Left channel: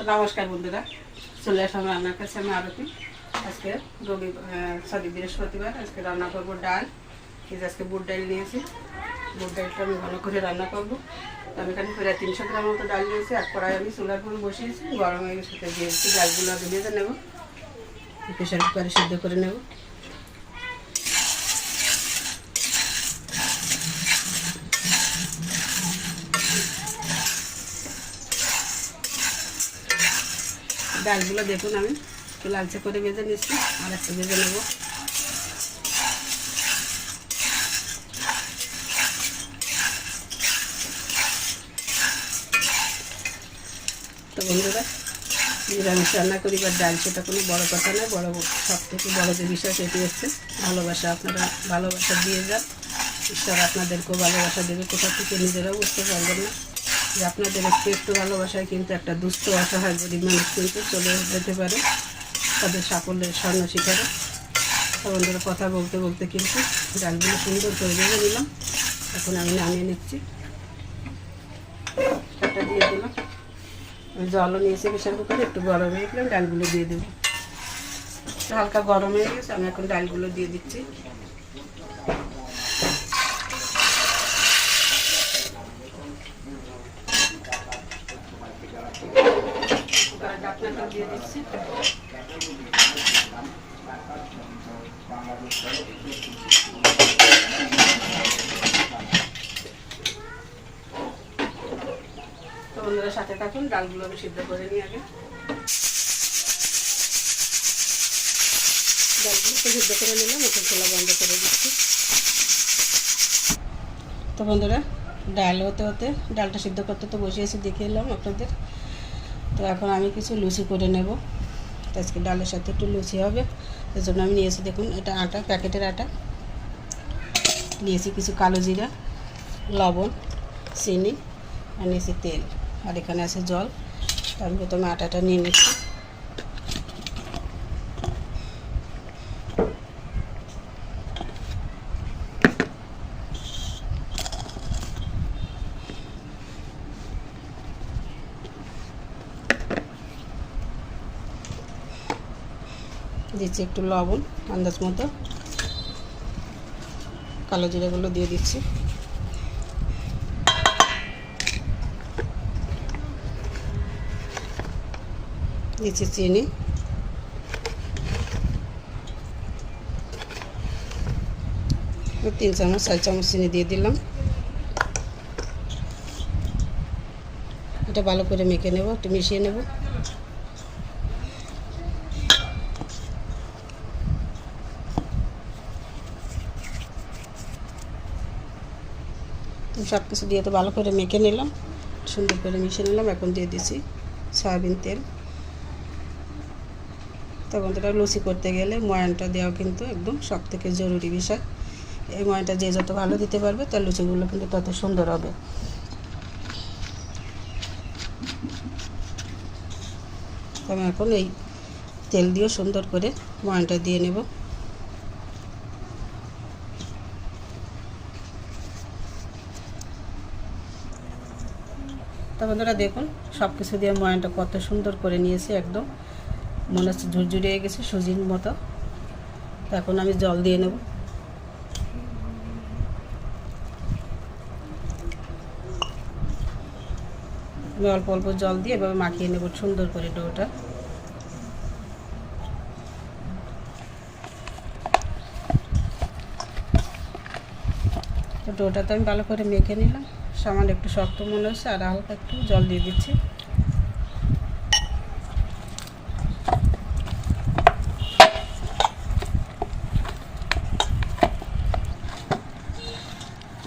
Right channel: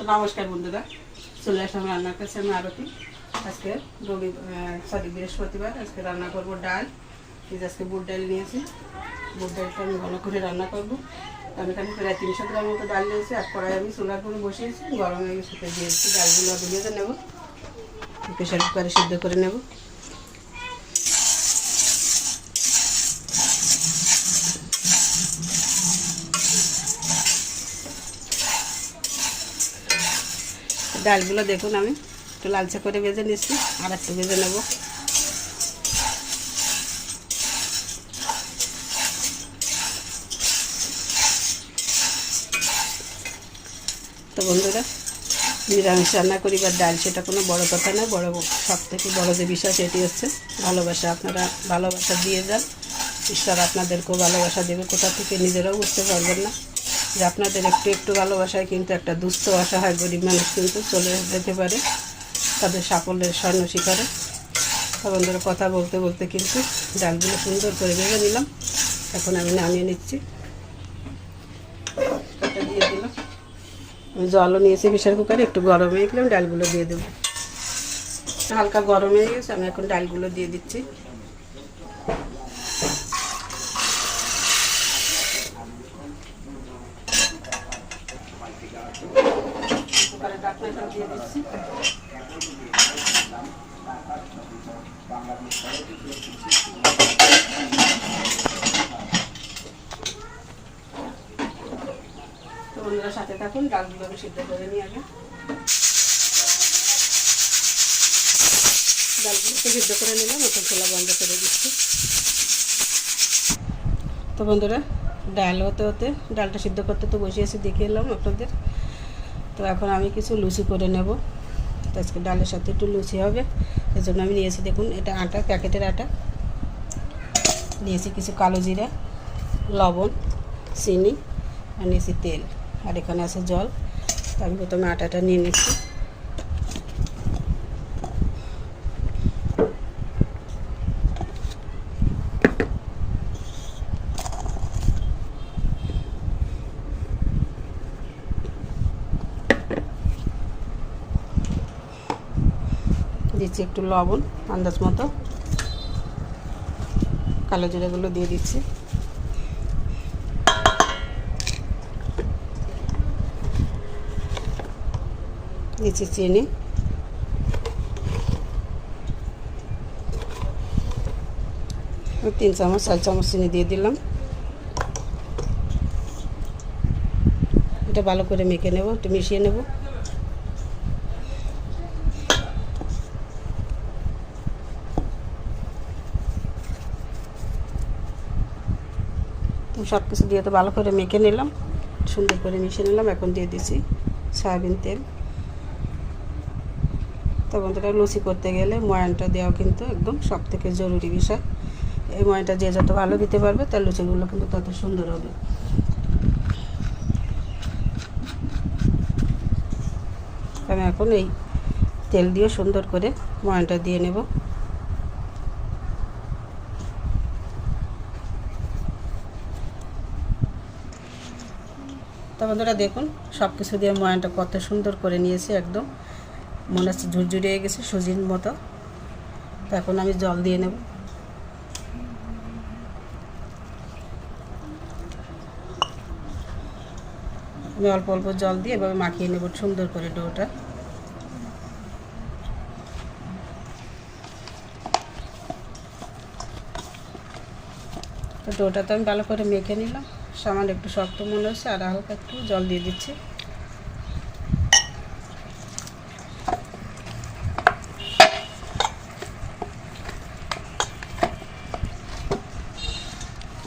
তো নমস্কার বন্ধুরা, চলে আসলাম রান্নার কাছে। আমি আরতি। আজকে বৃহস্পতিবার। আজকে রান্না করবো ডাল। আজকে বুট ডাল নিয়েছি। বুট ডালটা আমি ঘন করে রান্না করবো। আমি এখানে প্রায় 300 গ্রাম মতো ডাল নিয়েছি। আর কড়াই আমি চুলার করে বসিয়েছি, গরম হয়ে গেছে। দিয়েছি ডালগুলো ভেজে নেবো, প্রেশার কুকারে সিদ্ধ করে নেব। ডালগুলো দেখুন আমি একটু লালচে করে ভেজে নিচ্ছি, আর একটু ভেজে নেব। তো বন্ধুরা, নিরামিষ রান্না করি বা ডাল, সেটা কোনো বড় কথা না। সব থেকে বড় যে বিষয় সেটি হচ্ছে ভালোবাসা। আপনারা ভালোবাসা দিয়ে যান, ঈশ্বর আপনাদেরকেও ভালোবাসা দেবে। কোথা থেকে নিজেরাও বুঝতে পারবেন না যে আপনাদের একটু একটু ভালোবাসায় কিন্তু একটা দুস্থ অসহায় গরিব মানুষ কিন্তু চলে যেতে পারে তাদের সাফল্যের স্বর্ণ শিখরে। বন্ধুরা, কথা বলতে বলতে কিন্তু ডালগুলো সুন্দর করে ভেজে নিলাম। এখন আমি নামিয়ে নিচ্ছি। এটা দিয়ে দিলাম। জলও নিয়েছি প্রেশার কুকারে, একটু গরম হয়ে গেলাম, ডালগুলো দিয়ে দেবো। হালকা গরম হয়ে গেছে, আমি এখন ডালগুলো দিয়ে দিচ্ছি। ঢাকনাটা দিয়ে দিচ্ছি। বন্ধুরা সাথে থাকুন, ডালগুলো আমি সিদ্ধ করে নিই আগে। ডালগুলো সিদ্ধ করে নিলাম, এখন চুলা বন্ধ করে দিচ্ছি। তো বন্ধুরা, ডাল হতে হতে ডালটা সিদ্ধ করতে তো বসিয়েছি, দেখিয়ে এলাম আপনাদের। তো এখন আমি কিছু লুচি করে নেব। তো আজকে ডালের সাথে একটু লুচি হবে, এর জন্য আমি নিয়েছি দেখুন এটা আটা, প্যাকেটের আটা। নিয়েছি কিছু কালো জিরা, লবণ, চিনি, আর নিয়েছি তেল, আর এখানে আছে জল। তো আমি প্রথমে আটাটা নিয়ে নিচ্ছি। দিচ্ছি একটু লবণ আন্দাজ মতো, কালো জিরাগুলো দিয়ে দিচ্ছি। দিচ্ছি চিনি, 3 চামচ 4 চামচ চিনি দিয়ে দিলাম। এটা ভালো করে মেখে নেব, একটু মিশিয়ে নেব। সব কিছু দিয়ে তো ভালো করে মেখে নিলাম, সুন্দর করে মিশিয়ে নিলাম। এখন দিয়ে দিচ্ছি সয়াবিন তেল। তো বন্ধুরা, লুচি করতে গেলে ময়ানটা দেওয়া কিন্তু একদম সব থেকে জরুরি বিষয়। এই ময়ানটা যে যত ভালো দিতে পারবে তার লুচিগুলো কিন্তু তত সুন্দর হবে। আমি এখন এই তেল দিয়ে সুন্দর করে ময়ানটা দিয়ে নেব। তো বন্ধুরা দেখুন, সব কিছু দিয়ে ময়ানটা কত সুন্দর করে নিয়েছি, একদম মনে হচ্ছে ঝুরঝুরে হয়ে গেছে সুজির মতো। তো এখন আমি জল দিয়ে নেব। আমি অল্প অল্প জল দিয়ে এভাবে মাখিয়ে নেব সুন্দর করে ডোটা। তো ডোটা তো আমি ভালো করে মেখে নিলাম। সামান্য একটু শক্ত মনে হচ্ছে, আর হালকা একটু জল দিয়ে দিচ্ছি।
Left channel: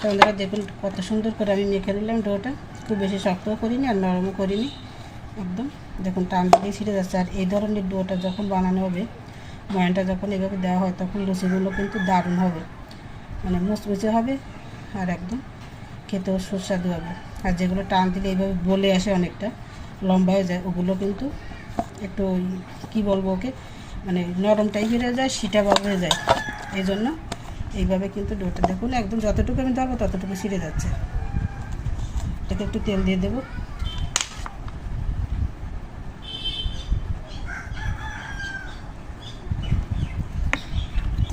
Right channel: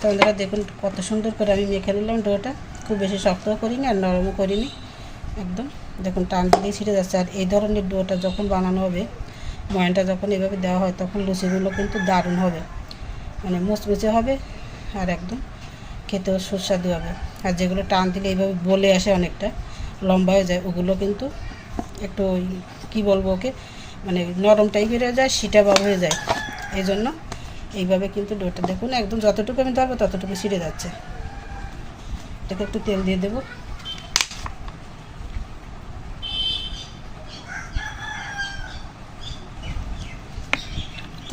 তো বন্ধুরা দেখুন কত সুন্দর করে আমি মেখে নিলাম ডোটা। খুব বেশি শক্তও করিনি আর নরমও করিনি, একদম দেখুন টান দিলেই ছিঁড়ে যাচ্ছে। আর এই ধরনের ডোটা যখন বানানো হবে, ময়ানটা যখন এভাবে দেওয়া হয়, তখন লুচিগুলো কিন্তু দারুণ হবে, মানে মুচমুচে হবে আর একদম খেতেও সুস্বাদু হবে। আর যেগুলো টান দিলে এইভাবে বলে আসে, অনেকটা লম্বা হয়ে যায়, ওগুলো কিন্তু একটু কি বলবো ওকে, মানে নরম টাইপের হয়ে যায়, সিটা ভাব হয়ে যায়। এই জন্য এইভাবে কিন্তু ডোটা দেখুন একদম যতটুকু আমি ধরবো ততটুকু ছিঁড়ে যাচ্ছে। এটাকে একটু তেল দিয়ে দেবো।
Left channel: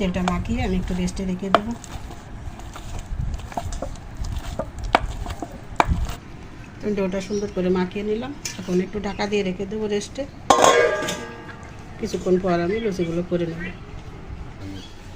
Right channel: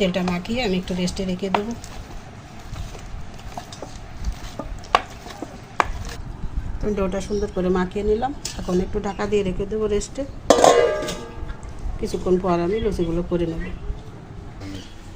তেলটা মাখিয়ে আমি একটু রেস্টে রেখে দেবো। ডোটা সুন্দর করে মাখিয়ে নিলাম, এখন একটু ঢাকা দিয়ে রেখে দেবো রেস্টে। কিছুক্ষণ পর আমি লুচিগুলো করে নেব।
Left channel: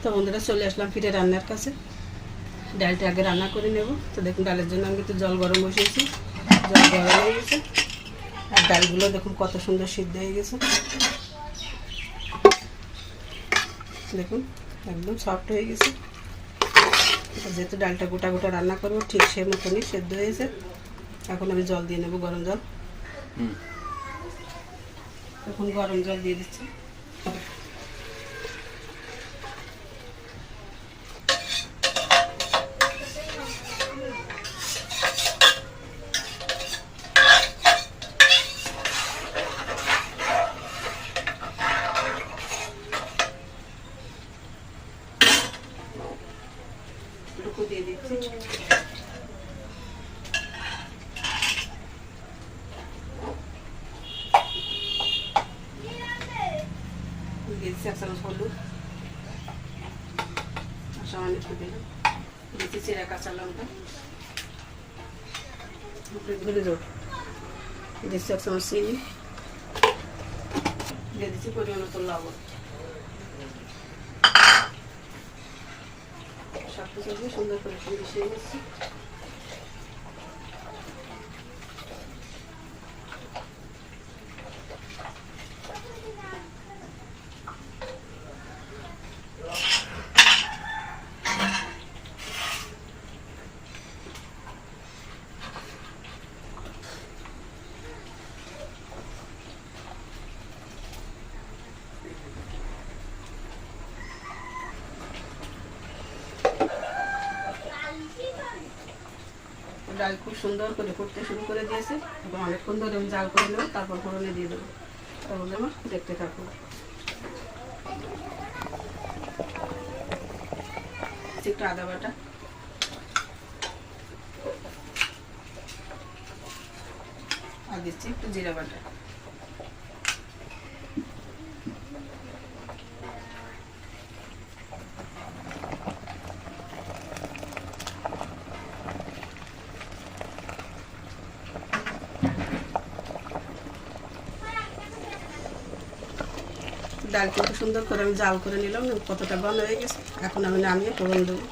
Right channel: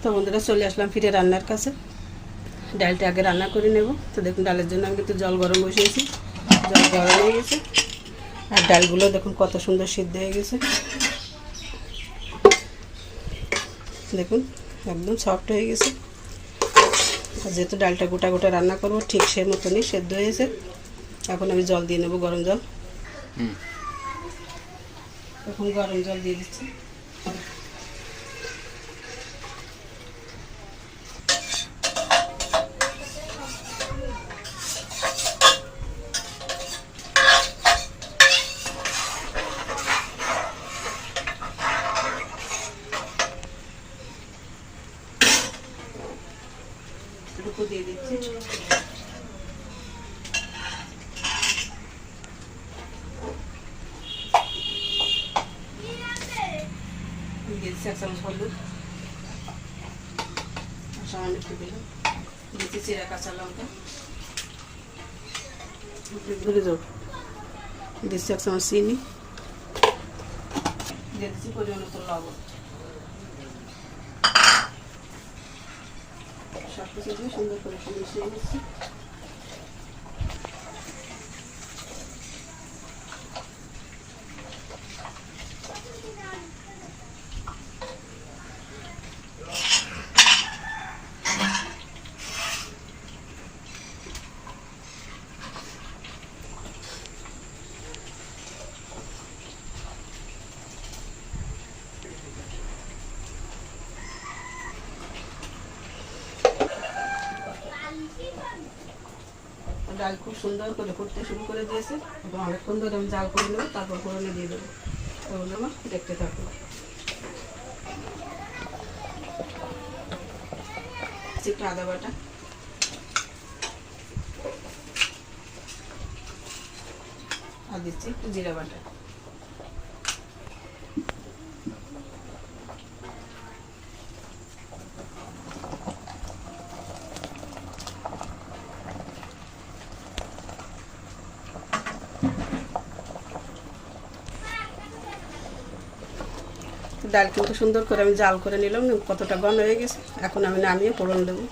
তো বন্ধুরা চলে আসলাম ফিরে রান্নার কাছে। ডালটা আগে রান্না করে নেব। তো দেখুন ডালের জন্য আমি কিন্তু জল গরম বসিয়েছি, জল গরম হয়ে গেছে আর ডালগুলো দেখুন কত সুন্দর সিদ্ধ হয়ে গেছে। দেখুন একদম সফট হয়ে গেছে। যেহেতু ডালটা গোটা গোটা রান্না করবো ঠিক সে মতনই সেদ্ধ হয়েছে। এখন আমি জল দিয়ে নেব, গরম জল। এখন গরম জল দিয়ে দিচ্ছি। টুকু দিয়ে দিচ্ছি। দিয়েছি 1 চামচ হলুদ, সামান্য একটু দিলাম। দিয়েছি চিরা কাঁচা লঙ্কা, ঘুরে যাও। দিচ্ছি 1 চামচ চিনি, দিয়ে দিচ্ছি পরিমাণ মতো লবণ। সব কিছু দিয়ে সুন্দর করে মিশিয়ে নিচ্ছি। ডাল খুব সুন্দর করে ফুটতে শুরু করে দিয়েছে। এখন অনেকক্ষণ ধরে আমি জাল করে নেবো, তারপর ফোড়নে দিয়ে দেবো। তাহলে আমার দেখতে থাকবো। একটু আদা বাটা, আর দিচ্ছি একটু জিরা বাটা। ডাল কিন্তু সুন্দর করে আমি জাল করে নিলাম, কতটা বন্ধ হয়ে গেছে। এখন আমি নামিয়ে ফোড়ন দেবো।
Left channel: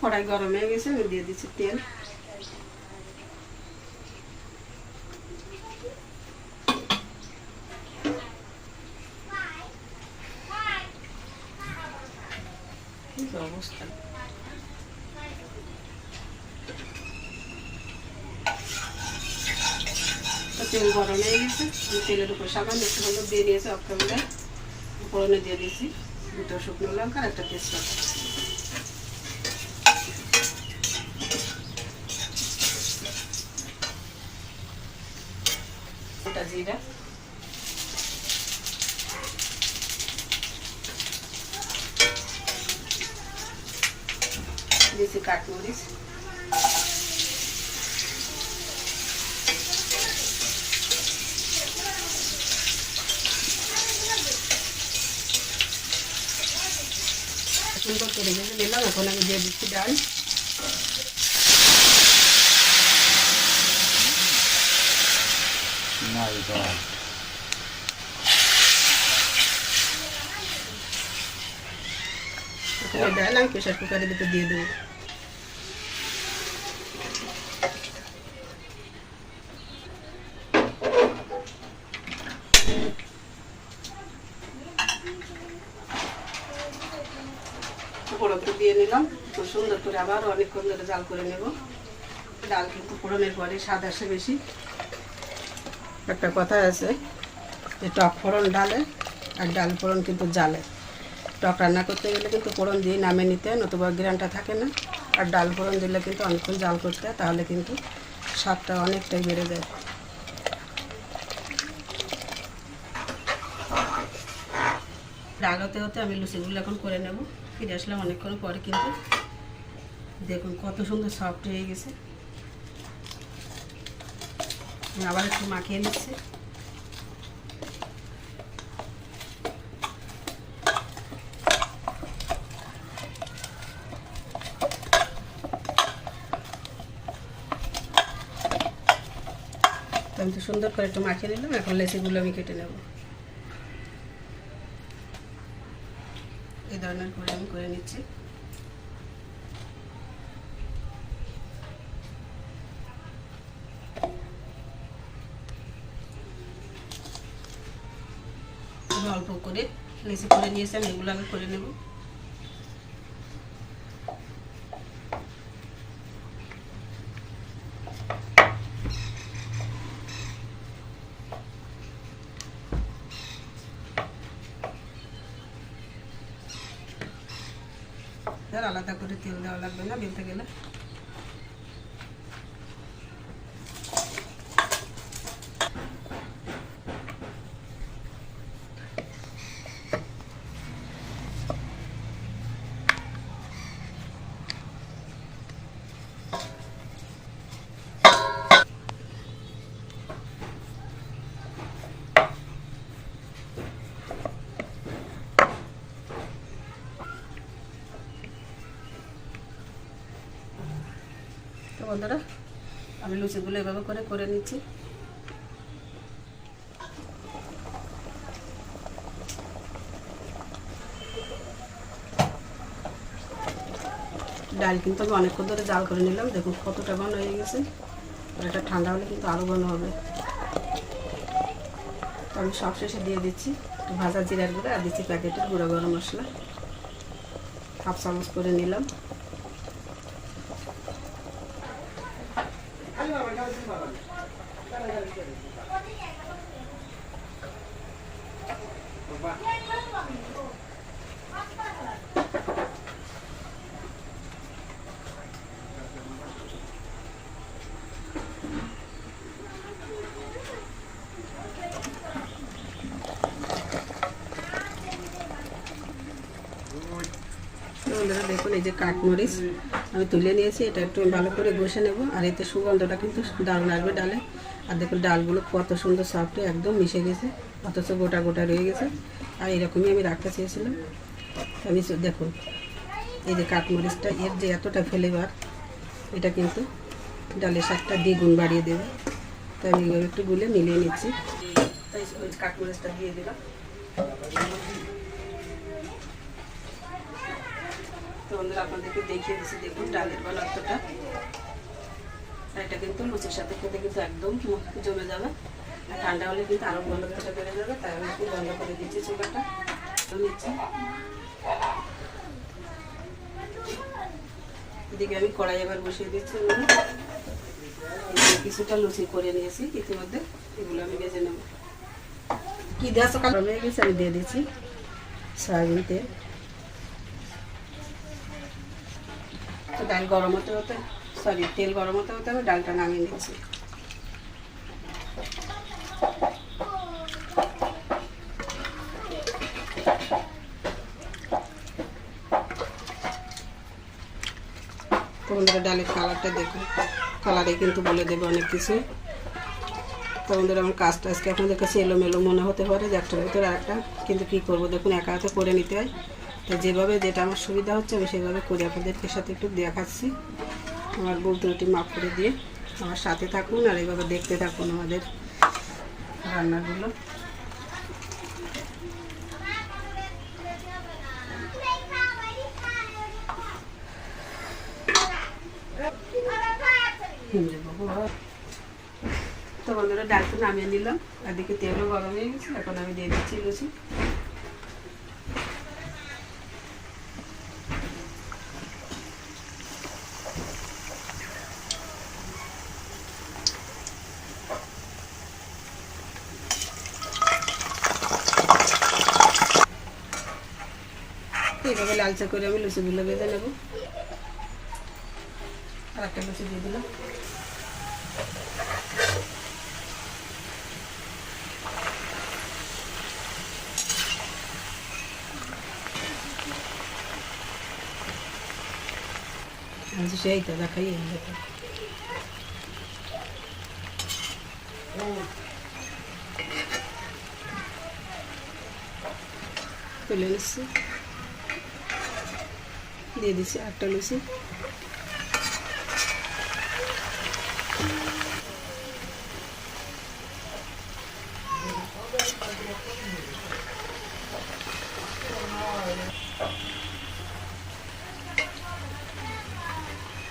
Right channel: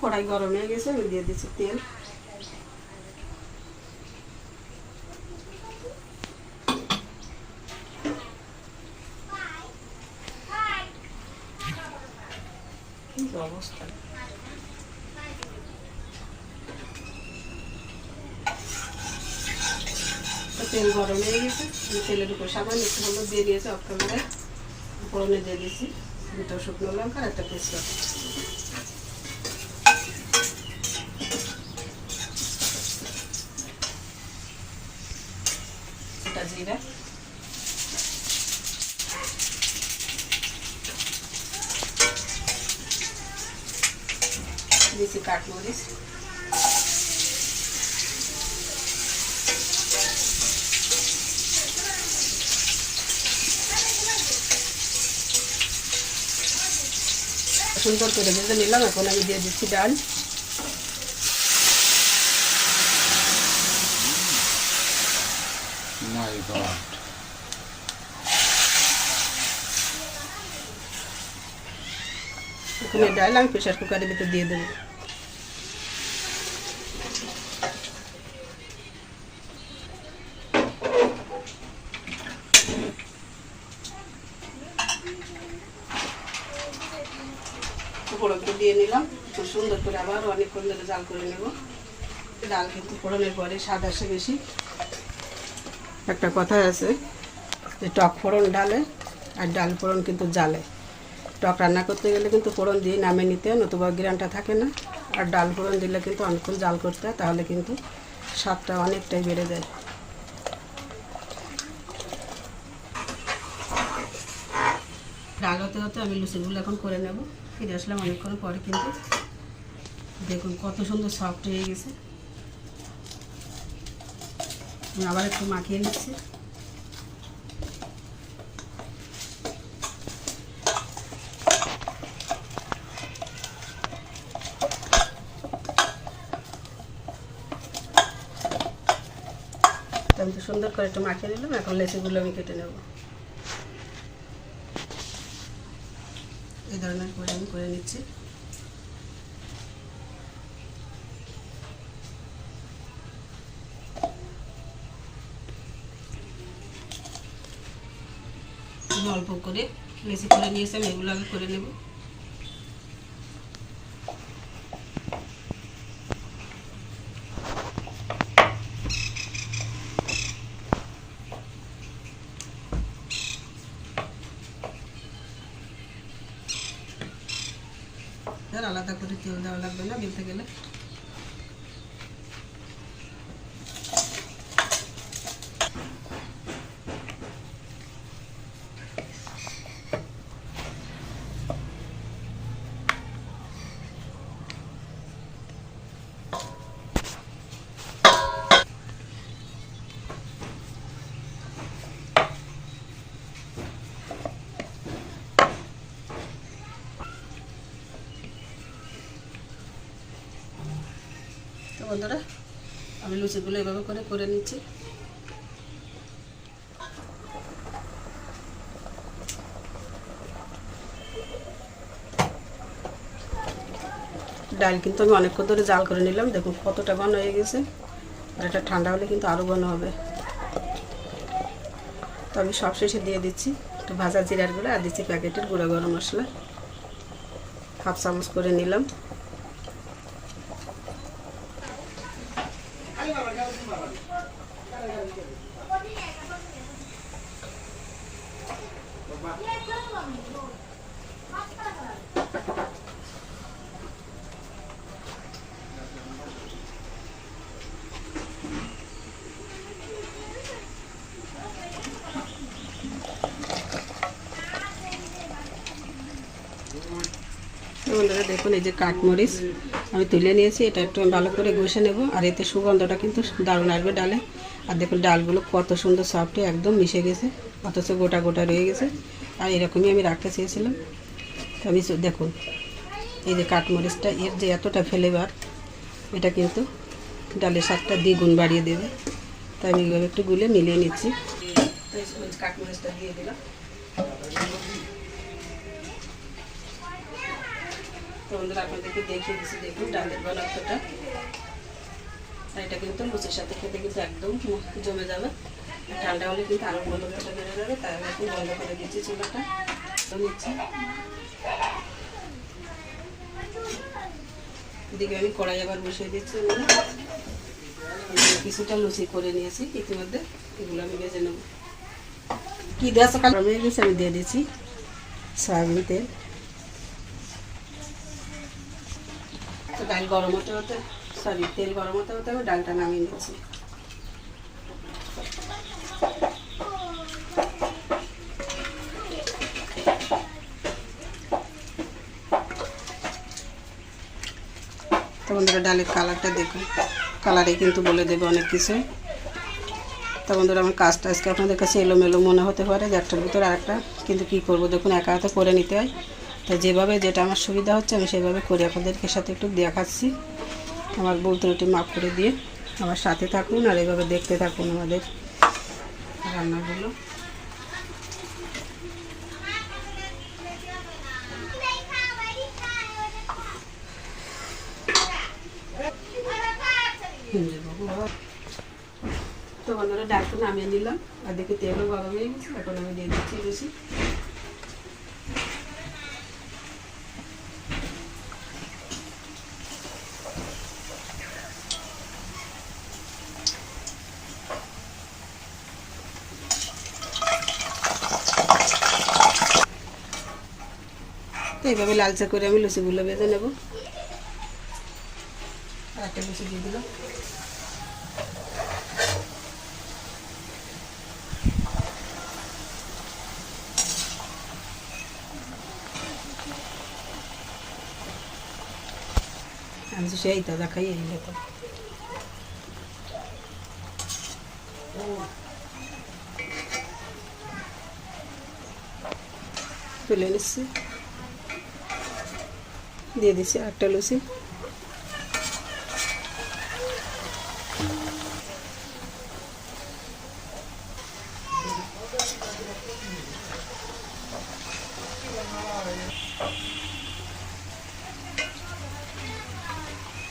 কড়াই গরম হয়ে গেছে, আমি দিয়ে দিচ্ছি তেল। অবস্থা তেল গরম হয়ে গেছে, আমি তেলের উপর সামান্য একটু হলুদ দিয়ে দিয়েছি। অফ ক্যামেরায় ফোড়নে দিয়ে দিয়েছি 2টো শুকনো লঙ্কা আর 1টা তেজপাতা। এটা জিরা, দিয়েছি কাঠমরিচ, সুন্দর করে ভেজে নিলাম। এখন আমি দিয়ে দিচ্ছি ডাল। ডাল আমি প্রেশার কুকারের ভিতরে দিয়ে দেবো। ফোড়নটা দিয়ে নিলাম, সুন্দর করে আবার অনেকক্ষণ ধরে জাল করে নেব। ডাল কিন্তু ফোড়নের পরে স্বাদ আসে বেশি। একটা কথা আছে যে টক ফোড়ন ডালে আর ডাল ফোড়ন কিন্তু জালে, টক রান্না করতে গেলে কিন্তু ফোড়ন দিয়ে নামিয়ে নিতে হয়, নতুবা গ্রানটা থাকে না। আর ডাল ফোড়ন দিলে কিন্তু অনেকক্ষণ জাল করতে হয়, তাহলে কিন্তু স্বাদটা অনেকটাই বেড়ে যায়। ডাল হতে হতে আমি লুচিগুলো এখন করে নেব। ফিরে আসলাম অনেকক্ষণ পরে, কিন্তু দেখুন কত সুন্দর সফট হয়ে গেছে। আমি আবার একটু মাখিয়ে নিচ্ছি। আমি তো সুন্দর করে একটু মাখিয়ে নিলাম, এখন লেচিগুলো আমি কেটে নেব। এই ধরনের করে আমি করে নিচ্ছি। আমি অল্প করে লেচি করে নিয়েছি, আমি এগুলো আগে করে নেব। আলাদা করে তেল দেওয়া লাগবে না বেলতে গেলে। তো বন্ধুরা, আমি লুচিগুলো এভাবে করে নিচ্ছি। ডাল কিন্তু আমি অনেকক্ষণ ধরে জাল করে নিলাম, দেখুন কতটা ঘন হয়ে গেছে। এটা ঠান্ডা হলে কিন্তু আরও ঘন হবে। তো আমি সবশেষে দিয়ে দিচ্ছি একটু ভাজা জিরার গুঁড়ো, আর দিচ্ছি প্যাকেটের গুঁড়ো গরম মশলা, 1/2 চামচ করে নিলাম। দেখুন এই যে কাঠমরিচ আমি তুলে নিয়েছি, এটা একটু ভালো করে ঘষে নেব, আর এতে সুগন্ধটা কিন্তু দারুণ আসবে ডালে। আর দেখুন ডালগুলো কত সুন্দর সফট একদম মিশে গেছে, অথচ গোটা গোটা রয়ে গেছে। আর এরকমই আমি রাখতে চেয়েছিলাম। তো আমি দেখুন এই যে কাঠমরিচটা, এর যে এতটা ফ্লেভার, এটা কিন্তু ডালের স্বাদটা দ্বিগুণ বাড়িয়ে দেবে। তাই আমি এইভাবে একটু গুলে মিলিয়ে নিচ্ছি। তাই কাঠমরিচটা দিয়ে দিলাম। তো বন্ধুরা আপনাদেরকে দেখিয়ে দিচ্ছি, দেখুন ডালের ঘনত্বটা। আর এটা কিন্তু লুচির সাথে খেতে কিন্তু একদম জমে যাবে। ঠান্ডা হলে কিন্তু আরও ঘনত্বটা বেড়ে যাবে। তাই আমি একটু বন্ধ করে দিচ্ছি চুলাটা, নিচ্ছি। এদিকে আমি কড়াই আবার বসিয়ে দিচ্ছি। কিছুটা লুচি করে নিয়েছি ইতিমধ্যে, এগুলো আমি ভেজে নেব। কি দেওয়া আছে কালো হয়ে গেছে, আমি দিয়ে দিচ্ছি সয়াবিন তেল। তো ডাল গরম হতে হতে তেল গরম হতে হতে আমি ডালটা নামিয়ে নিচ্ছি। তো বন্ধুরা ডালের কালারটা দেখুন, কালারে কিন্তু বলে দেবে অনেক কিছু। তো বন্ধুরা আমার কাজটা আজকে আপনাদের কাছে এলোমেলো মনে হতে পারে যে একটার ভিতরে আরেকটা, কিন্তু কী করবো দেখুন একা হাতে করে নিতে হয়। তো যেভাবে যেটা আমার সুবিধা হচ্ছে আমি সেভাবে করে আপনাদেরকে সাথে একটু দেখাচ্ছি। আমার ভুল ত্রুটি মাফ করে দিয়ে আমার সাথে থাকুন, আর এভাবে দেখতে থাকুন আমাদের রান্নাগুলো। তো বন্ধুরা ডালটা নামিয়ে নিলাম, আর দেখে তেলও গরম হয়ে গেছে। এখন আমি দিয়ে দিচ্ছি লুচি। এইভাবে লালচে করে আমি লুচিগুলো বেঁধে নেব। আর একটা লুচি দিয়ে দিলাম। সেই তো দেখাই তুলে নিচ্ছি, দিয়ে দিচ্ছি একটা লুচি।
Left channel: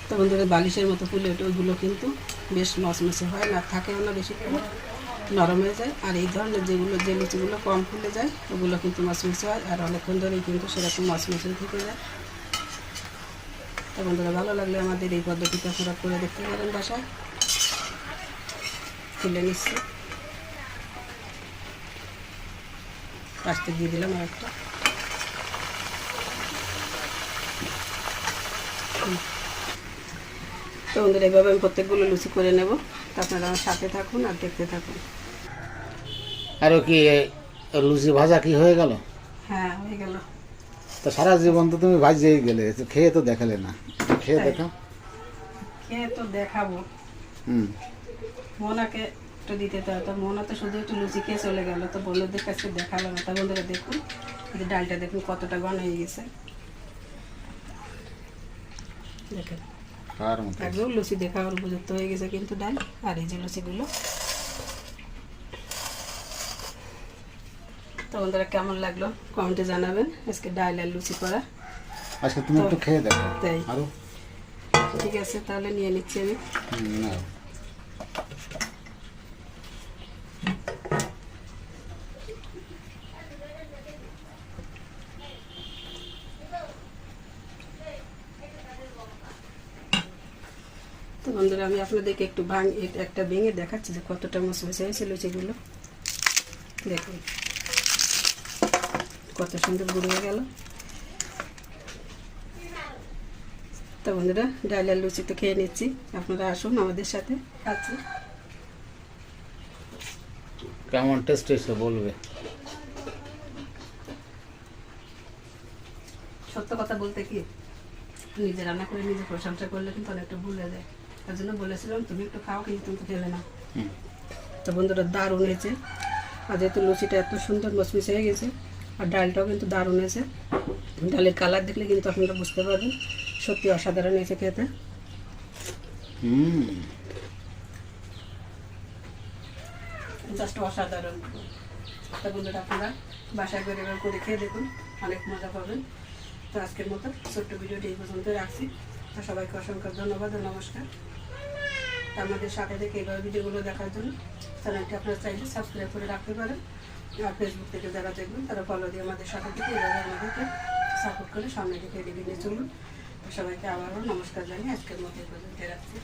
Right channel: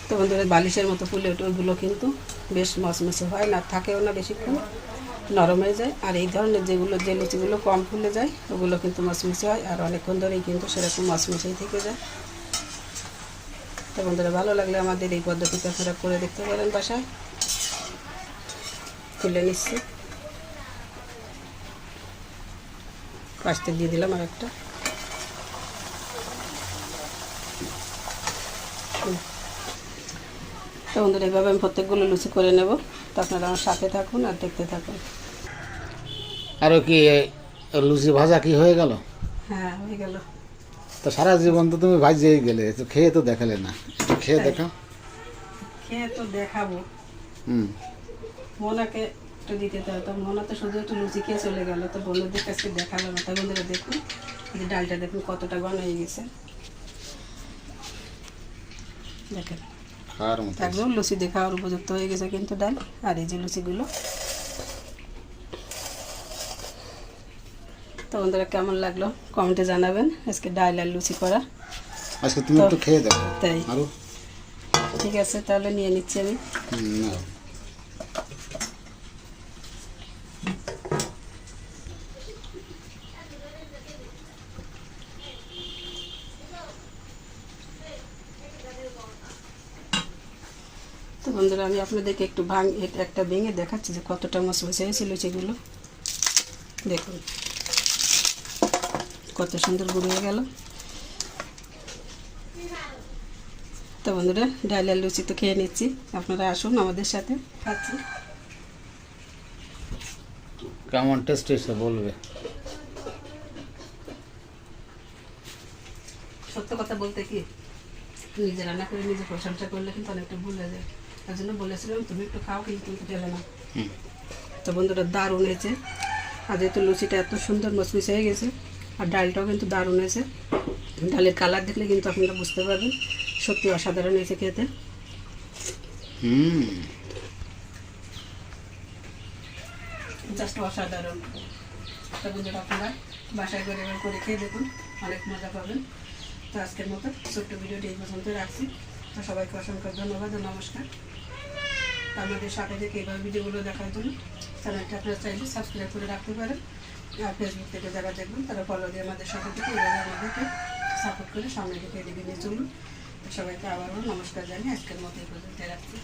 তো বন্ধুরা বালিশের মতো ফুলে ওইগুলো কিন্তু বেশ মচমচে হয় না, থাকেও না, বেশি নরম হয়ে যায়। আর এই ধরনের যে লুচিগুলো কম ফুলে যায় ওগুলো কিন্তু মচমচে হয়, আর অনেকক্ষণ ধরেই কিন্তু সেরকম মচমচে থেকে যায়। তো বন্ধুরা ভালো লাগলে আমাদের এই পদ্ধতিতে পুরো করে দেখতে পারেন বাসায়। তুলে নিচ্ছি, পাশে দিয়ে দিলাম আর একটা। তো বন্ধুরা এভাবে আমি প্রত্যেকগুলো লুচি করে নেব। তো আপনারা আমার সাথে থাকুন আর দেখতে থাকুন। আরও কি লুচি ভাজা কি হয়ে গেল? হ্যাঁ হয়ে গেল। তো সারা জীবন তো তুমি ভাজেই গেলে, তো খেয়ে তো দেখালে না, খেয়ে দেখাও। খেয়ে তো দেখাবো, মোনাকে একটু দিতে তো, তো মোনা তো শুধু একটু লুচি খেয়ে চলে গেল, তো বন্ধুদের কাছে দেখালো না। তা বন্ধুরা দেখুন এই যে ডালটা দেখুন কতটা ঘন হয়ে গেছে, দেখেন খাওয়ার মতো একদম লুচি দেখার উপযুক্ত হয়ে গেছে কিন্তু ডাল। আর এই যে লুচিগুলো, তো বন্ধুরা কেমন লাগলো কমেন্টে জানাবেন আজকে ডাল আর লুচি করা। আজকে তুমি একটু খেয়ে দেখো। তাই আরো ঠিক আছে, তাহলে নিয়ে নিচ্ছি আমি। না তো বন্ধুরা আমি আপনাদেরকে একটু একটা ভেঙে দেখাচ্ছি যে কতটা মচমচে হয়েছে লুচিগুলো। দেখুন কত সুন্দর গুঁড়িয়ে গেল। তো বন্ধুরা ডাল আর লুচি তো খেয়ে নিচ্ছি, আপনারা আসুন আমাদের সাথে খাচ্ছি। কেমন টেস্ট এসে বলবে। সত্য কথা বলতে কি, নিজে রান্না করে নিজে প্রশংসা করলে কিন্তু অনেকটা ভুল হয়ে যায়। তার জন্য বলেছিলাম তুমি একটু খাও, কিন্তু তুমি তো খেলে না। তো বন্ধুরা দারুণ হয়েছে। আর যেহেতু লুচিটা এত সুন্দর মচমচে হয়ে গেছে, আর ডালটাও কিন্তু দারুণ হয়েছে। ডালের কালার দেখলে কিন্তু আপনারা বুঝতে পারবেন সত্যি অসাধারণ হয়েছে খেতে। জাস্ট অসাধারণ। তো বন্ধুরা আপনারা বাসায় করে এবার করে খেয়ে দেখুন, অনেক মজা পাবেন। তো আজকের মতো ছোট্ট ভিডিওটি এই পর্যন্ত রাখছি। তো সবাইকে অসংখ্য ধন্যবাদ ও নমস্কার। আমাদের সাথে থেকে এইভাবে ভিডিওগুলো দেখার জন্য চ্যানেলটি আপনারা চাইলে সাবস্ক্রাইব করে রাখতে পারেন। আর ফেসবুক থেকে যারা দেখবেন তারা ফলো দিয়ে আমাদের সাথে থেকে এইভাবে আমাদেরকে সাপোর্ট করে সামনে দিকে এগিয়ে নিয়ে চলুন। সবাইকে আবারও নমস্কার জানিয়ে আজকের মতো এই পর্যন্ত রাখছি।